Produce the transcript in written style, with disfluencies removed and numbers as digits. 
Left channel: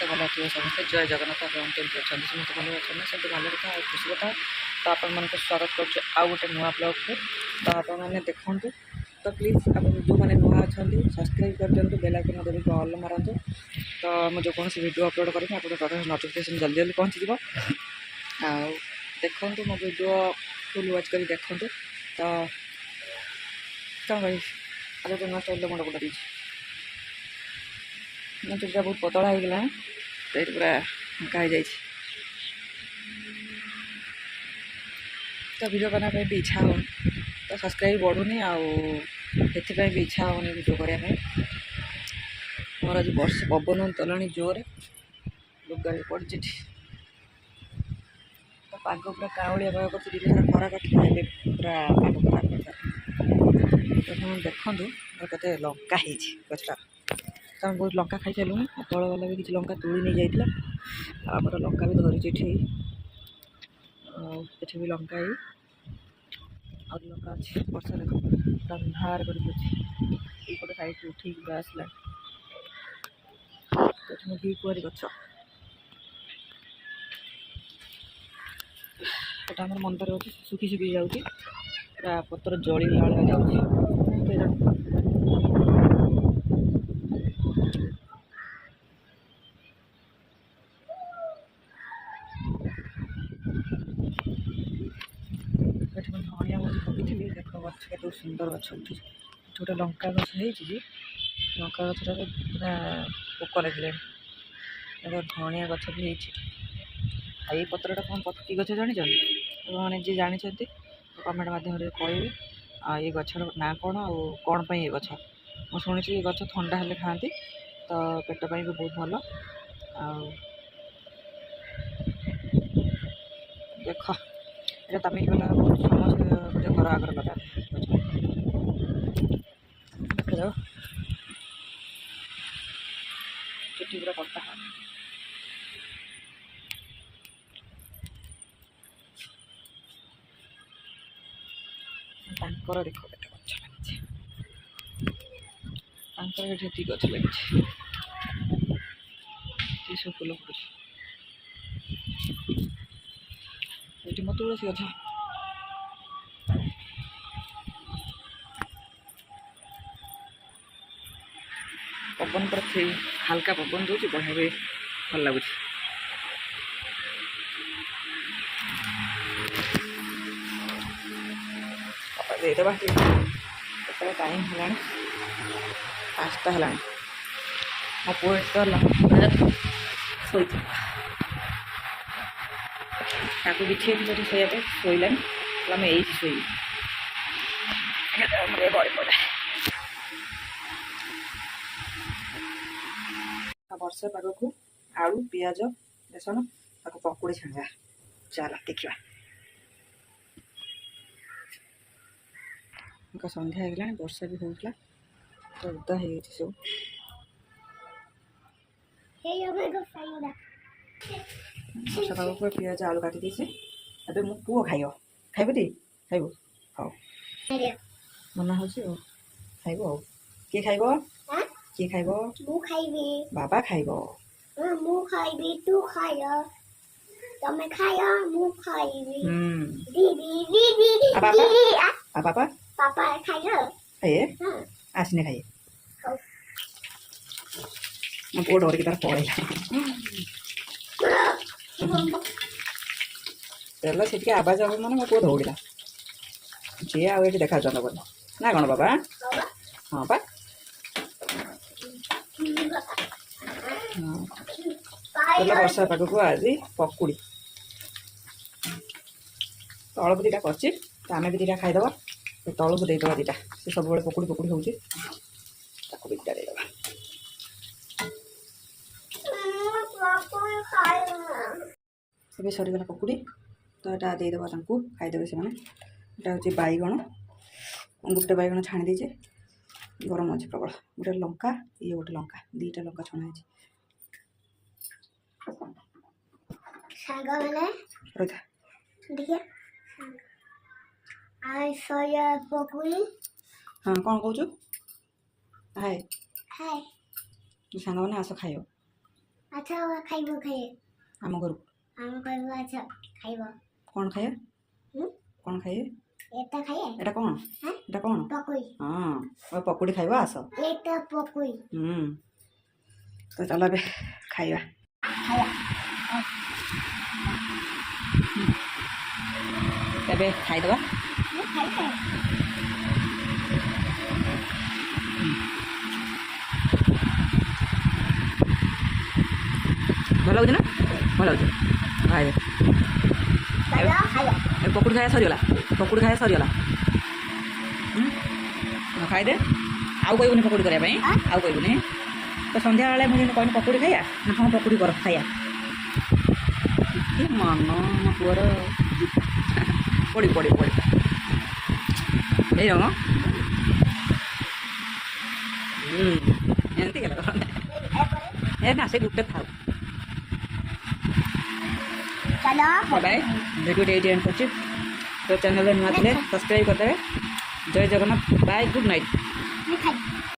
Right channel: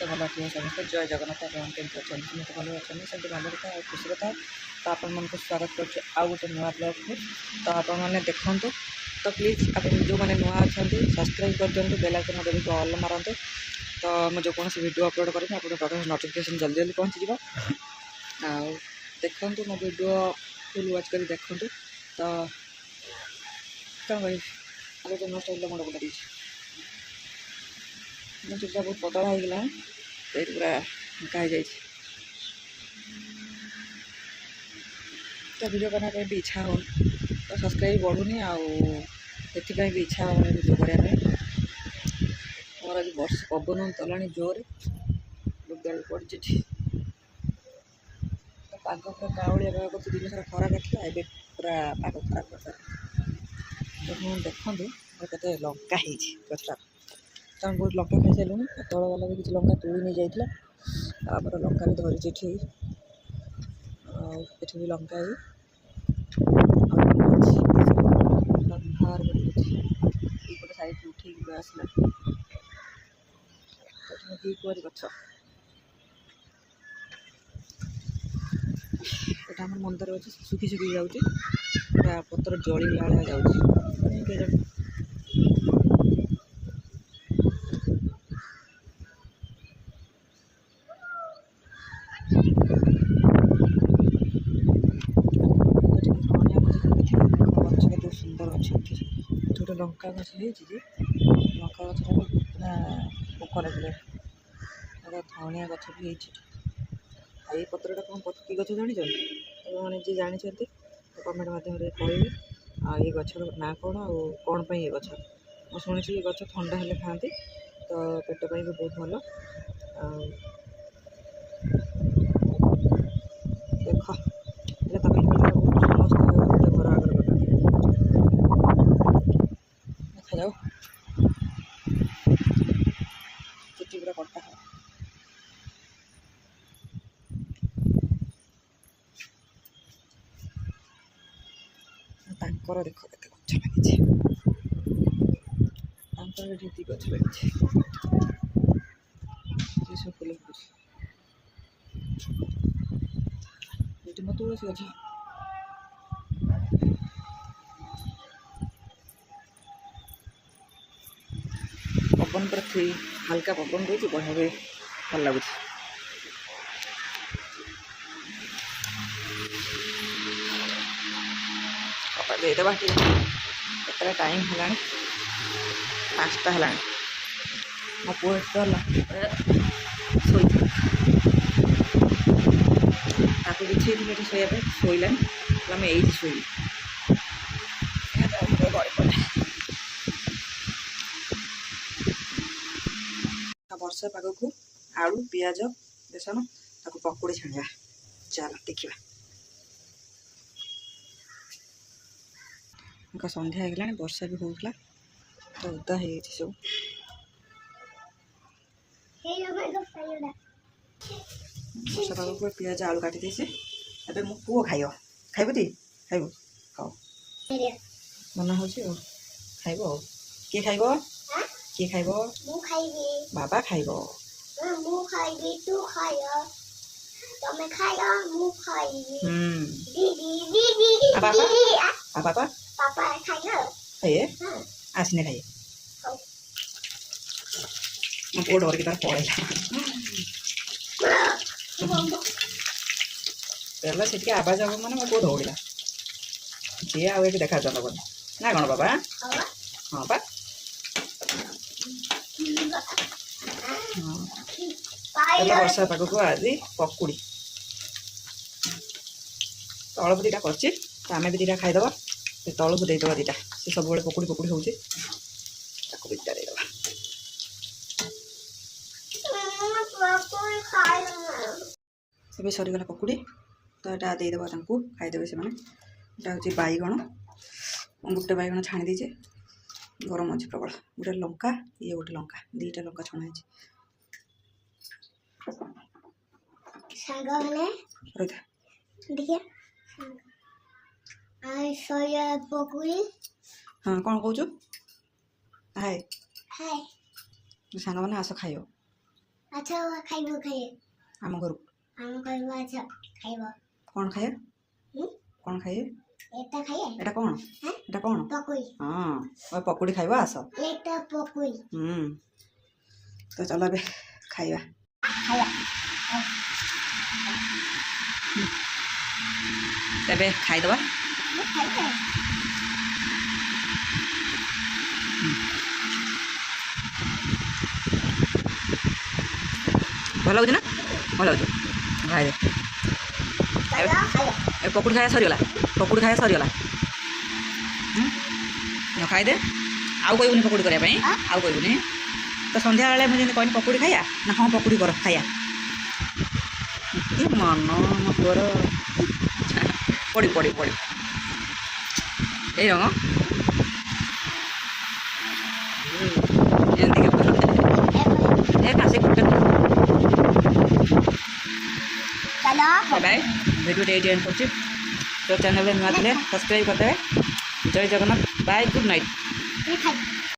समस्ते भल थे समस्ते जय जगन्नाथ आप केमती अच्छा समस्त भल अच्छे से भले कथा और खुशी कथा तो आपण मानक स्वागत कर आउ गोटे नुआ ब्लॉग को तो आपण मैंने देखूँ तो प्लीज आप जो मैंने नुआ अच्छा सब्सक्राइब कर दिखाँ बेल आइकन देवी को ऑल मारतु तो मुझे कौन वीडियो अपलोड करें आप नोटिफिकेशन जल्दी जल्दी पहुँची आउ देखूँ मो वीडियो फुल वाच कर देखूँ तो कौन कह आगे जो नुआ स्टाइल मुंड गुटा मो चुपचा बहुत पतला हो गला तो पूरा फाँका हो तो वीडियो बनाने भी इच्छा हो तो सब्सक्राइब बढ़ुनी आउे भी इच्छा होनी वीडियो करने मोर आज वर्ष पवन तला जोर लुगा भी पड़ी तो पाग पूरा काउलिया पाग कर दिन सारा खरा काटला ए पूरा पाग खराब कर तो देखूँ के लंका गछटा तो हम बहुत लंका खाई सारूँ तल वाला भी किसी लंका तुली नहीं जाइला आमर लंका भी धरी ये भी लंका अंधार कर साइड उठे आसला घी कुआरी गछ एटा आम मंदिर अच्छे सुखी सुखी जाऊँगी पूरा पतर जलिला भाया जाऊँगी सुंदर गछ उठी गोटे लंका गछ लंका गछटा पूरा पोक लगे धनिया गछ भी ये पत्रटा कौन पत्ती गछ जानी मैंने जी जानते कमेंट मध्यम कहे ये गछर ना कौन आउ कौन पर ये गछ मुझे शुणी ये गछ ठंडा हेल्ले खाती तो पेट पर भी बहुत भल देख ये तमिल समस्त घर आगर कथा देखा जाओ चुट्टी पूरा कटा है तांकर देख के गछ लगे गछ लगे सब फूल फुटुच ये मो तुलसी गछ पवन पर हल्का पवन दूसरी बढ़िया भी भल लगुच देदेबा केतटा टाइम है 5टा है मो पुआ शो बिछे शोया शोलानी आम ये शोई गड़ी पड़ा वर्षा पाग को आलू पियाज बेसन ताको पकोड़ी छाणिया चल देखा संध्या हो गला वर्षा भी होगा तो उदा हो सब वर्षा पाग को पियाज आलू काटी देছে ଏବେ मो पुओ खाइब ती खाइब खाओ मना हो खाइब किए खाइब किए खाइब बाबा खाइब मु खाइबी तू खाया तमे खाया मु खाइबी दीदी दीदी दीदी पापा पापा खाइयो खाइए आसने खाइए मो पुओ डर के तार पड़ेगा पहला से आवाज हम मैंने मो पुओ दौड़ा सी आगे देखा चल बोले ना कौन बाबा हाँ बा पहला वर्षा पाग को आज पकुड़ी तलबू दीटा कर आम भी दीटा खाईदे तलबू देदेव दीटा सी सब पकुड़ी पकुड़ी हो दीटा देदेव से सरीगला पकुड़ी तो यहाँ देदेव खाईदे से मैंने हूँ बैगण गोटे बैगण छाणी देचे गरम अच्छे प्रबल गोटे लंका ये गोटे लंका 2टा लंका छणा हाँ कौन कौच हाय हाय सांग मैंने आस खाइब ଆଚ୍ଛା ଖାଇବ ଖାଇବ ଆମ ଘରକୁ ଆମ କହିବ ଆଚ୍ଛା ଖାଇବ କ'ଣ ଖାଇବା ହୁଁ କ'ଣ ଖାଇବେ এটা ଖାଇଏ ଏଇଟା କ'ଣ হ্যাঁ ଏଇଟା କ'ଣ ପକୁଇ ହଁ ପକୁଡ଼ି ଖାଇବ ଆସ এটা ପକୁଇ ତ ଚାଲ ଏବେ ଖାଇବା ଖାଇବା ଏବେ ଖାଇଦେବା ମୁଁ ଖାଇବେ ଭଲ ଲାଗୁଛି ନା ଭଲ ଲାଗୁଛି ଖାଇଦେ ଚାଲ ଖାଇବା ଏ ପକୁଡ଼ି ଖାଇବା ସରିଗଲା ପକୁଡ଼ି ଖାଇବା ସରିଗଲା ଖାଇଦେ ଆଉ କହିବୁନି ପକୁଡ଼ି କରିବା ପାଇଁ ଆଉ କହିବୁନି ତ ସନ୍ଧ୍ୟାବେଳେ ମୁଁ ଯେମିତି କହିନି ପକୁଡ଼ି ଖାଇବା ନା ହଁ ପକୁଡ଼ି କର ଖାଇବା କି ମନ ମୋ ପୁଅର ପଡ଼ି ପଡ଼ି ପଡ଼ି ଏଇ ରଙ୍ଗ ଏମିତି ଏ ନା ସେ ଗୋଟେ ଚାଲ ବାଏ ଭିଡ଼ିଓଟି ଏଇଠି ଏଣ୍ଡ କରୁଛି ତ ଚ୍ୟାନେଲରେ ନୂଆ ଥିଲେ ସବସ୍କ୍ରାଇବ୍ କରିଦେବେ ଜୟ ଜଗନ୍ନାଥ ବାଏ ଗୁଡ୍ ନାଇଟ୍ ମୁଁ ଖାଇ